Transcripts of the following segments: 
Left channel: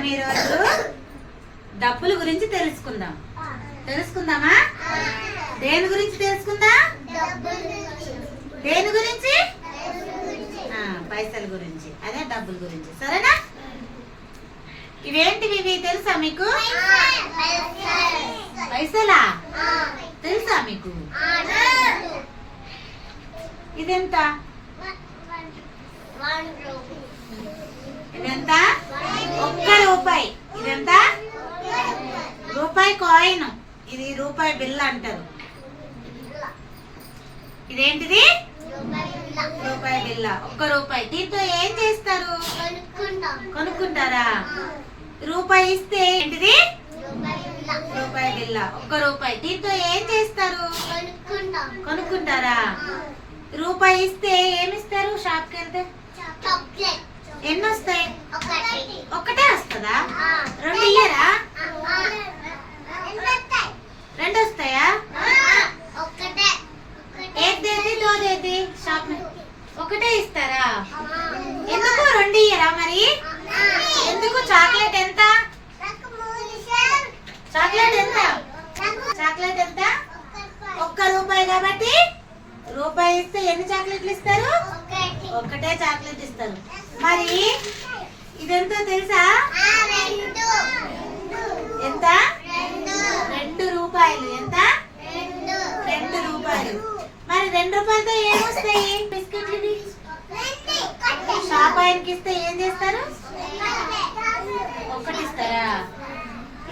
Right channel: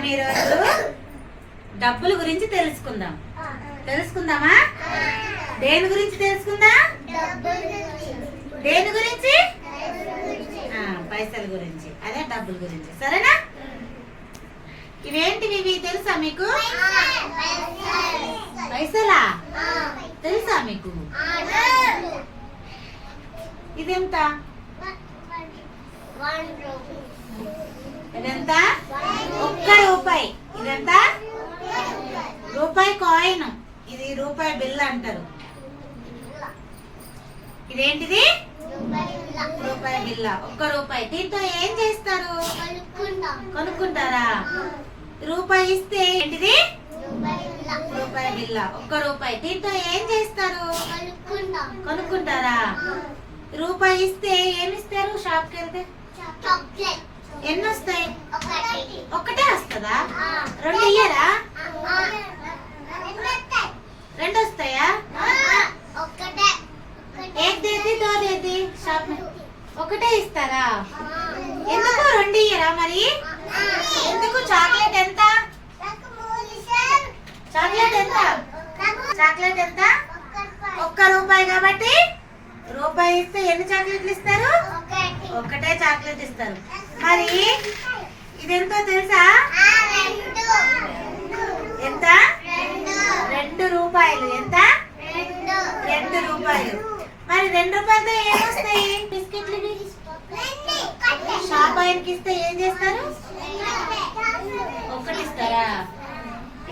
మనం ఈరోజు డబ్బుల గురించి తెలుసుకుందాం. తెలుసుకుందామా? దేని గురించి తెలుసుకుందాం? దేని గురించి? పైసల గురించి. అదే డబ్బుల గురించి. సరేనా? ఇవేంటివి ఇవి తెలుసా మీకు? పైసలా? తెలుసా మీకు? ఇదెంత? ఇదెంత? ఒక్క రూపాయి. ఇదెంత? రూపాయి కాయిన్. ఇది రూపాయి బిల్ అంటారు. ఇదేంటిది? రూపాయి బిల్ల. ఒక్క రూపాయి. దీంతో ఏం చేస్తారు? కొనుక్కుంటారా? రూపాయి ఇస్తే ఏంటిది? రూపాయి బిల్ల. ఒక్క రూపాయి. దీంతో ఏం చేస్తారు? కొనుక్కుంటారా? రూపాయి ఇస్తే ఏమి ఇస్తారు షాప్కి వెళ్తే ఎన్ని వస్తాయి వస్తుందా? రెండు ఇయ్యరా? రెండు వస్తాయా ఏది దేది? దో దేది షాప్ में ఒకటే ఇస్తారా? ఎందుకు రెండు ఇయ్యరా మరి? ఎందుకు? చాక్లెట్ ఎంత? చాక్లెట్ ఎంత? చాక్లెట్ ఎంత? ఒక్క రూపాయి కాబట్టి రూపాయి ఇస్తే ఎన్ని చాక్లెట్లు ఇస్తారు? ఒక్కటే చాక్లెట్ ఇస్తారు. మరి ఇదెంతో తెలుసా? ఎంత? రెండు రూపాయలు. ఎంత? రెండు రూపాయలు. మరి రెండు రూపాయలతో ఏమొస్తాయి? బిస్కెట్లు షాప్ ఆయనకి ఇస్తే ఏం చేస్తారు? ఒకటి ఇస్తారా?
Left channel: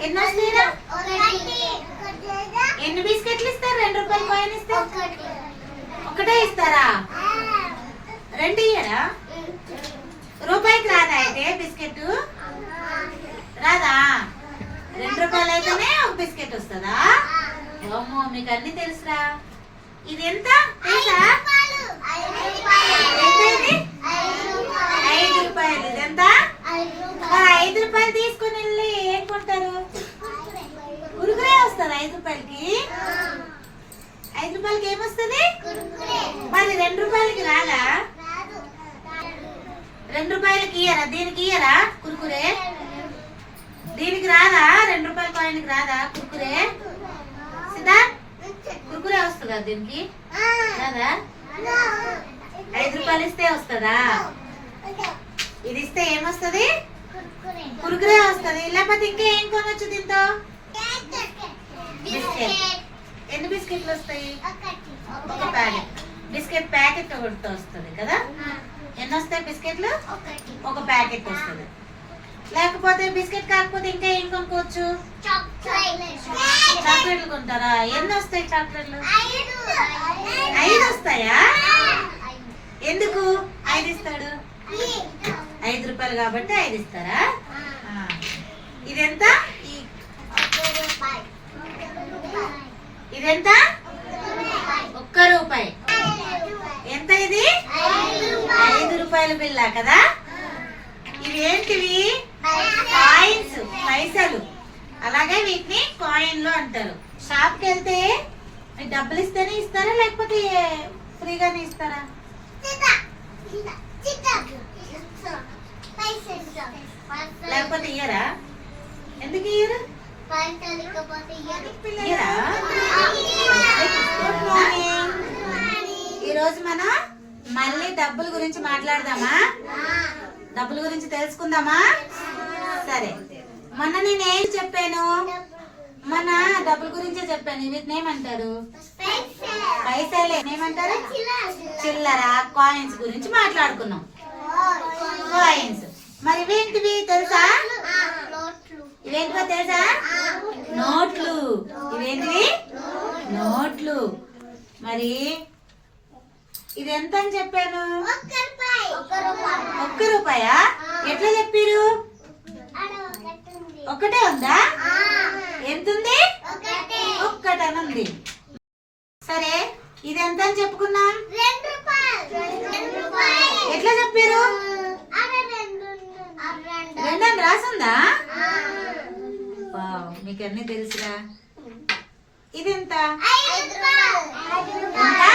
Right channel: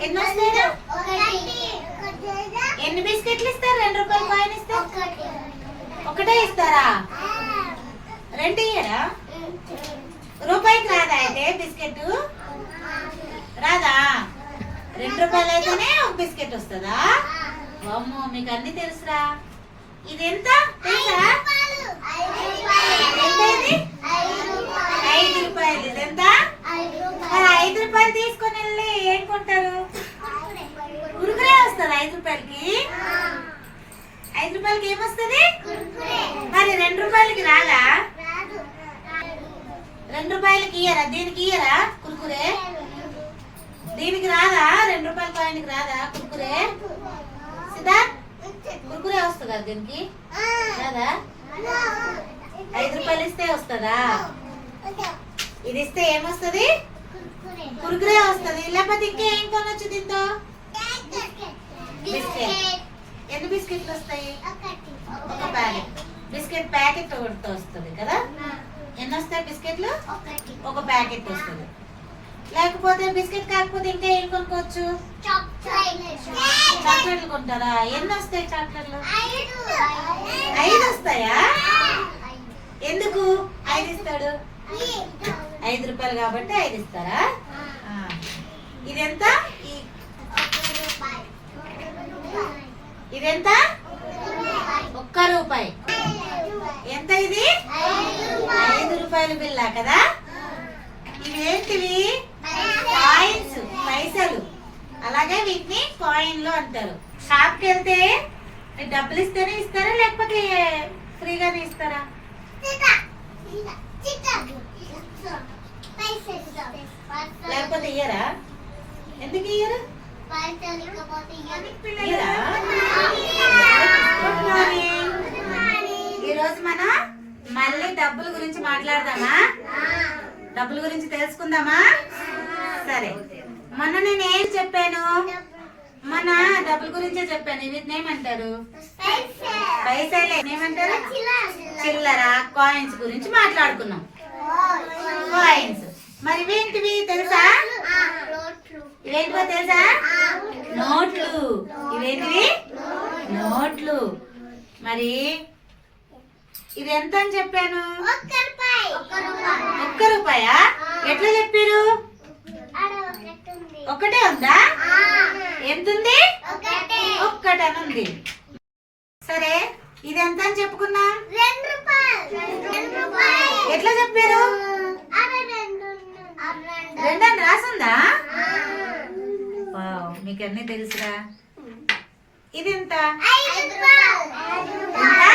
ఎన్ని వస్తాయిరా ఎన్ని బిస్కెట్లు ఇస్తారు రెండు రూపాయలు కాయిన్ ఇస్తే? ఒకటే ఇస్తారా? రెండు ఇయ్యరా? రూపాయికి రాదా? ఏ బిస్కెట్? రాదా? రెండు రూపాయలు అయితేనే ఒక బిస్కెట్ వస్తుందా? అమ్మో మీకు అన్ని తెలుసురా. ఇది ఎంత? తెలుసా? ఐదు రూపాయలు. ఇది ఎంత? మరి ఐదు రూపాయలు తీసుకొని వెళ్ళి ఏం కొంటారు? కురుకురే వస్తుంది ఐదు రూపాయలకి? ఐదు రూపాయలకి ఏమొస్తుంది మరి రెండు రూపాయలకి రాదా? రెండు రూపాయలకి ఇయ్యరా? దీనికి ఇయ్యరా కురుకురే? దీనికి రాదా? రెండు రూపాయల కాయిన్కి రాదా కురుకురే? సిద్ధార్థ్ కురుకురే వస్తుందా దీనికి? రాదా? ఐదు రూపాయలు ఇస్తే వస్తుందా? ఇది ఇస్తే ఏమొస్తుంది? కురుకురే వస్తుంది. లేకపోతే ఇంకా ఏం కొనొచ్చు దీంతో? బిస్కెట్. ఎన్ని బిస్కెట్లు వస్తాయి? ఒక ప్యాకెట్. బిస్కెట్ ప్యాకెట్ ఒకటితో వస్తుంది కదా? ఎన్ని వస్తాయి బిస్కెట్లు? ఒక ప్యాకెట్. వస్తుంది. లేకపోతే బిస్కెట్ కాకపోతే ఇంకా ఏం కొనుక్కోవచ్చు? చాక్లెట్లు కొంటారా? ఎన్ని వస్తాయి చాక్లెట్లు? ఐదు. వస్తాయా? ఎందుకు? ఐదు ఇస్తాడు. ఐదు. రూపాయలు కాబట్టి ఐదు ఇస్తారా. ఇదెంత? ఇదెంత? ఒక్క రూపాయి. ఎంత ఇది? ఐదు రూపాయల బిల్లా కదా? ఇవేంటివి? కాయిన్స్ పైసలు. అలాగే వీటిని కాయిన్లు అంటారు. షాప్కి వెళ్తే డబ్బులు ఇస్తేనే ఇస్తారా లేకపోతే ఫ్రీగానే ఇస్తారా లేకపోతే ఇయ్యరా? ఎందుకు ఇయ్యరు ఇయ్యరా గుడ్ మార్నింగ్ ఈరోజు మనం మళ్ళీ డబ్బుల గురించి మాట్లాడదామా? డబ్బుల గురించి తెలుసుకుందామా? సరే. మొన్న నేను ఏం చెప్పాను? మన డబ్బుల గురించే చెప్పాను. వీటిని ఏమంటారు పైసలే. ఏమంటారు చిల్లర కాయిన్స్ గురించి మాట్లాడుకున్నాం. కాయిన్స్ మరి ఇవేంటివి తెలుసా? ఇవేంటివో తెలుసా? నోట్లు. ఇవేంటివి? నోట్లు. మరి ఇది ఎంత అని చెప్పాను ఒక్క రూపాయా? ఎట్లా చెప్పారు? ఒక్కటే ఉందా? ఎంత ఉంది ఒక్కటని ఉంది సరే ఇది ఎంత అని చెప్పుకున్నాం ఎట్లా చెప్పారు? రెండని రాసుందా? మీకు అన్ని తెలుసురా? ఇది ఎంత ఎంత?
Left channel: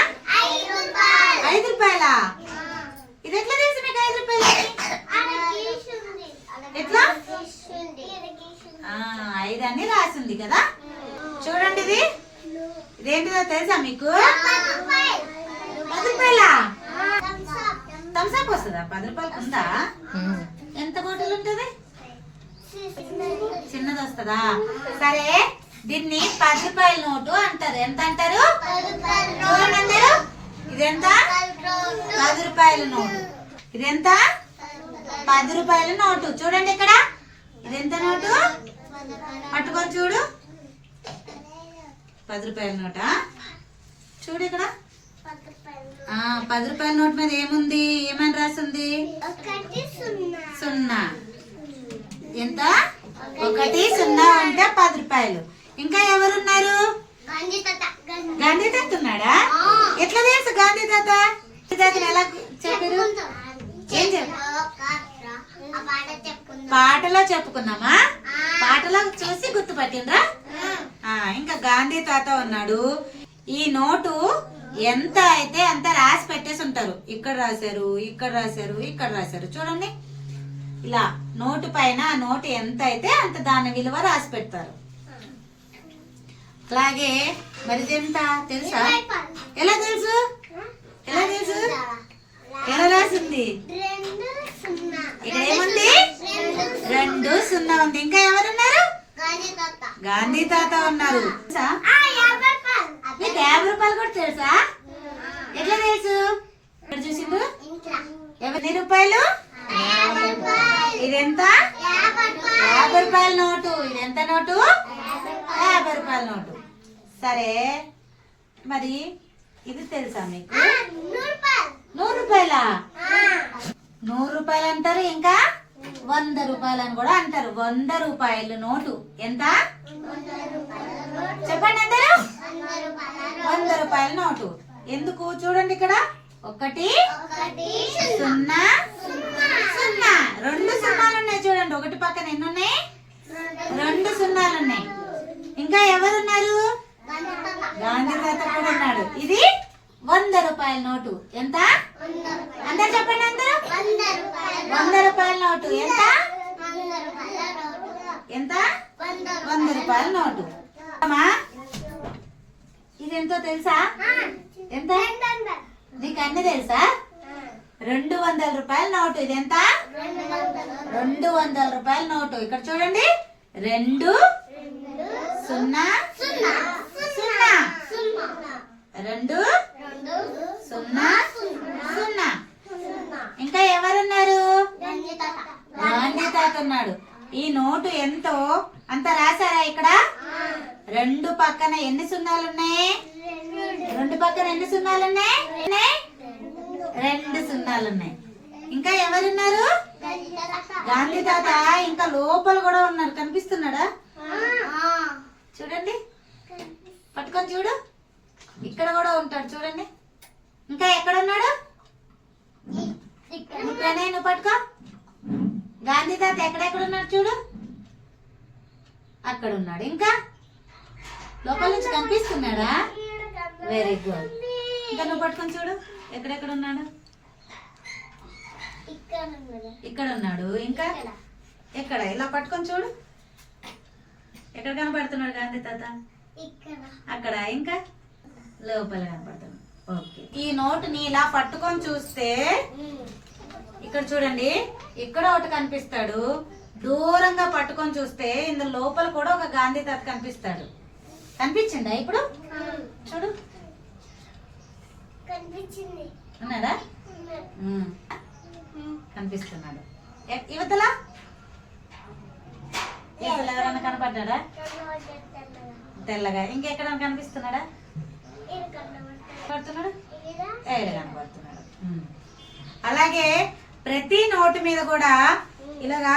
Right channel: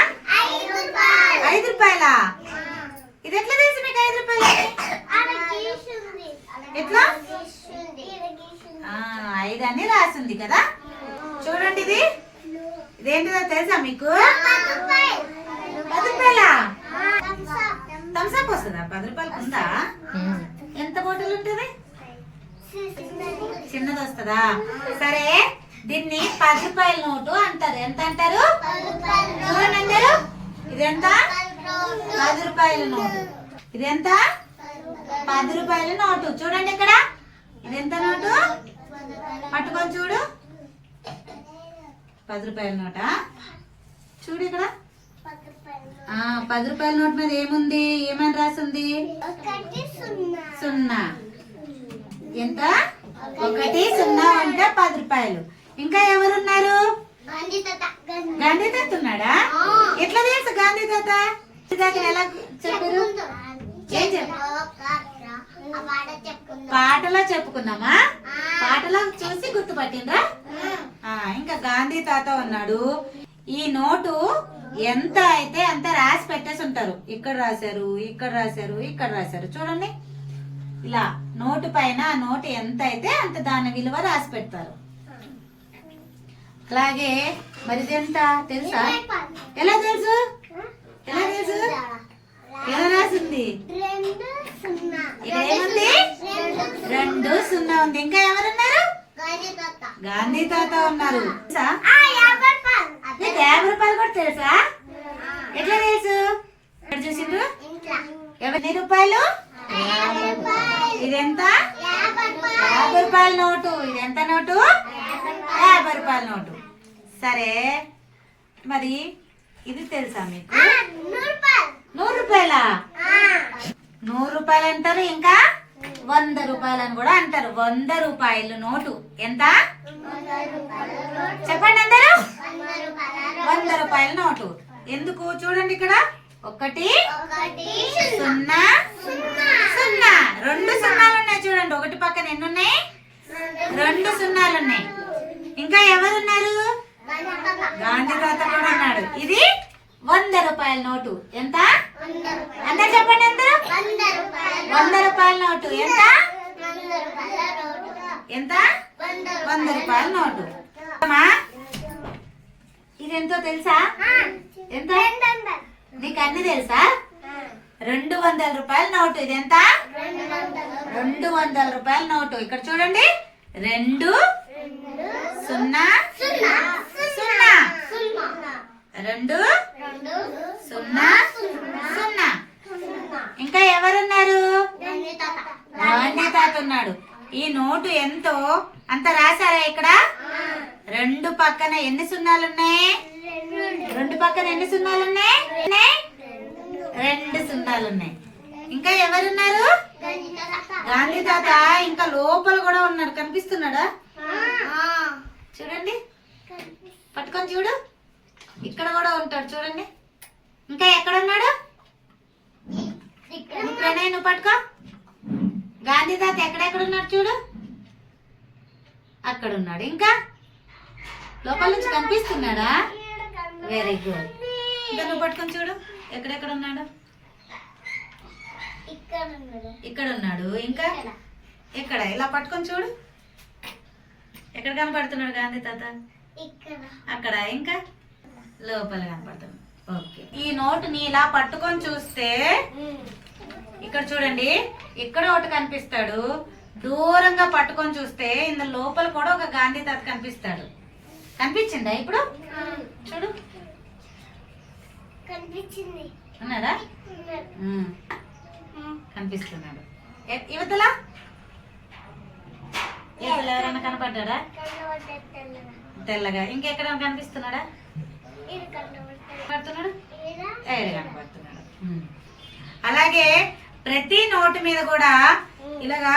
ఐదు రూపాయలా? ఇది ఎట్లా తెలుసు మీకు ఐదు రూపాయలు? ఎట్లా? ఐదు అని రాసింది కదా? చూడండి ఇది. ఇదేంటిదో తెలుసా మీకు? పది రూపాయలా? థమ్స్అప్ వస్తుందా? పది రూపాయలకు ఉందా? ఎంత బాటిల్ ఉంటుంది? చిన్నది వస్తుందా? సరే దీన్ని పది రూపాయల నోటు అంటారు. ఎంత అంటారు? చూడండి అందరు. ఇదెంత? పది రూపాయల నోటు. ఇదెంత పది రూపాయల నోటు. చూడండి ఇక్కడ. ఇదెంత నోటు? పట్టుకొని చూడు. పది రూపాయల నోటా? చూడు ఇక్కడ. పది రూపాయల నోట్ మీద ఏముంది? ఏమని రాసింది? సున్నా. ఎంత? ఒకటి సున్నా అంటే పది రూపాయలు. ఇంకా ఎవరున్నారు? గాంధీ తాత. ఉన్నాడా? ఎట్లా తెలుసు గాంధీ తాత? ఎలా చెప్పారు? ఏం పాటలో చెప్పుకున్నామా పాటలో చూసి గుర్తుపట్టిండ్రా? ఆ, ఇంకా గాంధీ తాత ఉన్నాడు. ఈ నోటు ఎంత అయితే అంత రాసి పెట్టేసి ఉంటారు. ఇక్కడ రాశారు ఇక్కడ రాశారు ఇక్కడ రాశారు. చూడండి. ఇలా నోటు పైన ఆ నోటు ఎంత అయితే అంత దాని విలువ రాసి పెడతారు. అలాగే మరి తెలుసా? ఎలా తెలుసు? ఎలా తెలుసు ఎలా రాసింది? ఇక్కడ ఏముంది రెండు సున్నా ఉంది. ఇంకా ఎవరున్నారు? గాంధీ తాత ఉన్నారు. నీకు యాభై రూపాయలు కూడా తెలుసా? ఎట్లా తెలుసు? ఎక్కడ చూసిండు? ఎన్ని రూపాయలు? ఇదెంత? యాభై రూపాయల నోటు. ఇదెంత నోటు? యాభై రూపాయల నోటు. సరే. మరి ఇది తెలుసా మీకు? నూరు రూపాయల. నూరు రూపాయలు? అంటారు ఇంకా? వంద రూపాయలు అని కూడా అంటారు. వంద రూపాయలు నోటు. ఎంత? చెప్పండి అందరూ. వంద రూపాయల నోటు. ఎందుకు? చూడండి ఇక్కడ. ఒకటి సున్నా సున్నా. రెండు సున్నాలు ఉన్నాయి చూడండి. ఒకటి పక్కన ఎన్ని ఉన్నాయి? రెండు సున్నాలు ఉన్నాయి. ఇంకా ఎవరున్నారు? గాంధీ తాత కూడా ఉన్నాడు. ఇది వంద రూపాయల నోటు. ఎంత? అందరు చెప్పండి అందరూ? వంద రూపాయల నోటు. ఎంత? ఎంత? వంద రూపాయల నోటు. అమ్మా ఇది ఎంతో తెలుసా? ఎంత? నీకు అన్ని తెలుసా? రెండు వందల రూపాయల నోటు. ఇది ఎంత రెండు వందల రూపాయల నోటు. ఇక్కడ చూడండి రెండు సున్నా సున్నా ఇంకా ఎవరున్నారు గాంధీ తాత ఉన్నాడు ఈ నోటు ఎంతో? అంత రాశారా ఇక్కడ? రెండు పక్కన ఎన్ని సున్నాలు ఉన్నాయి రెండు పక్కన ఎన్ని సున్నాలు ఉన్నాయి? రెండు సున్నాలు ఉన్నాయి ఇంకా ఎవరున్నారు? గాంధీ తాత ఇంకా లోపల కూడా ఉన్నాడు. కనిపిస్తున్నాడా? చూడండి. పట్టుకొని చూడు. ఇక్కడ కూడా ఉంటాడు. చూడండి. ఇంకా ఎక్కడ ఉన్నాడు నువ్వు పట్టుకో. గాంధీ తాత ఎక్కడెక్కడ ఉన్నాడు చూడు? అక్కడ ఉన్నాడు ఇంకా? లోపల నుంచి కనిపిస్తున్నాడా? వెరీ గుడ్ ఇంకా నువ్వు పట్టుకొని చూడు. ఎక్కడెక్కడ ఉన్నాడు? ఇక్కడ ఉన్నాడు ఇంకా? ఎక్కడ? ఇలా పట్టుకొని చూడు. ఎక్కడ కనపడుతున్నాడు గాంధీ తాత? అక్కడ. ఇంకా? లోపల కనపడుతుంది ఓకే. ఈ నోటుని ఇలా పట్టుకొని చూస్తే ఇక్కడ చూడండి ఇక్కడ ఒకటి కనిపిస్తాడు. దూరంగా పట్టుకొని చూస్తే ఇందులో లోపల కూడా ఒక గాంధీ తాత కనిపిస్తాడు. కనిపించిందా ఇప్పుడు? చూడు. కనిపించింది. ఉన్నాడా? కనిపిస్తున్నాడు. యువతల? యువతల ఎవరైనా కనపడ్డా తెల్లగా. ఇంకెక్కడ కనిపిస్తున్నాడా? కనపడుతున్నాడు? ఏడు? కనపడుతున్నాడు. అలాగే ప్రతి నోటు మీద కూడా ఇలాగా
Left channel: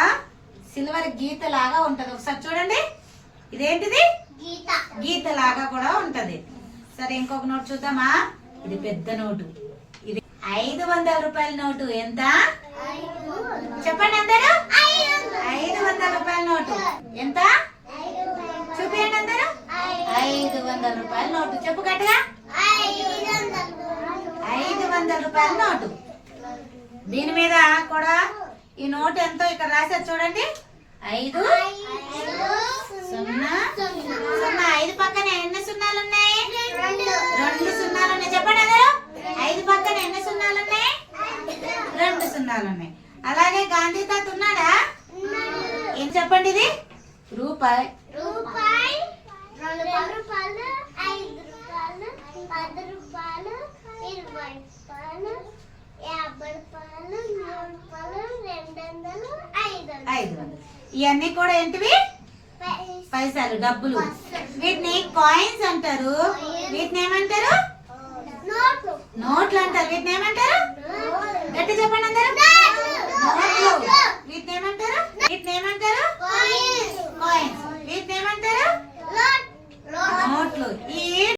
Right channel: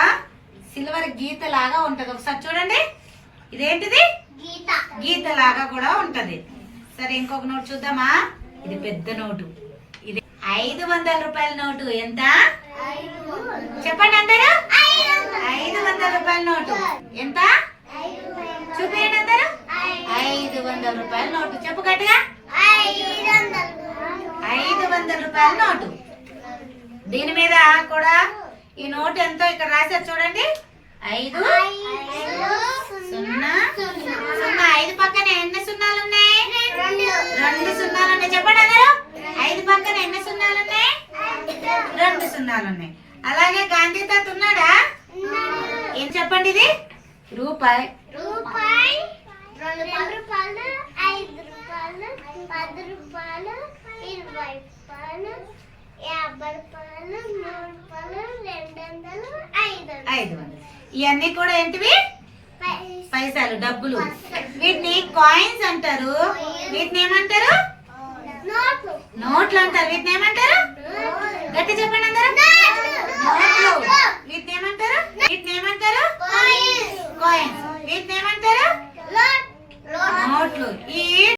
సిల్వర్ గీత లాగా ఉంటది. ఒకసారి చూడండి. ఇదేంటిది? గీత. గీత లాగా కూడా ఉంటది. సరే ఇంకొక నోటు చూద్దామా? ఇది పెద్ద నోటు. ఇది ఐదు వందల రూపాయల నోటు. ఎంత? చెప్పండి అందరూ. ఐదు. వందల రూపాయల నోటు. ఎంత? చూపించండి అందరూ. ఐదు వందల రూపాయల నోటు. చెప్పు గట్టిగా. ఐదు వందల రూపాయల నోటు. దీని మీద కూడా ఈ నోట్ ఎంతో ఇక్కడ రాశారు. చూడండి. ఐదు సున్నా సున్నా. ఐదు పక్కన ఎన్ని సున్నాలు ఉన్నాయి? రెండు సున్నాలు ఉన్నాయి. చెప్పండి అందరూ. ఐదు పక్కన ఎన్ని సున్నాలు ఉన్నాయి? రెండు సున్నాలు ఉన్నాయి. అలాగే గాంధీ తాత ఉన్నాడా? ఏం చెప్పండి ఇది? రూపాయి. రూపాయి రెండు రూపాయలు ఐదు రూపాయలు పది రూపాయలు ఇరవై రూపాయలు యాభై రూపాయలు నూరు రూపాయలు రెండు వందలు ఐదు ఐదు వందలు. ఇవన్నీ కూడా ఏంటివి? పైసలు డబ్బులు. వీటిని కాయిన్స్ అంటారు. వీటిని ఏమంటారు? నోట్లు. అంటారు. వీటిని ఏమంటారు? గట్టి చెప్పండి అందరు. నోట్లు. వీటిని ఏమంటారు? వీటిని ఏమంటారు? కాయిన్స్ వీటిని ఏమంటారు? నోట్లు. ఈ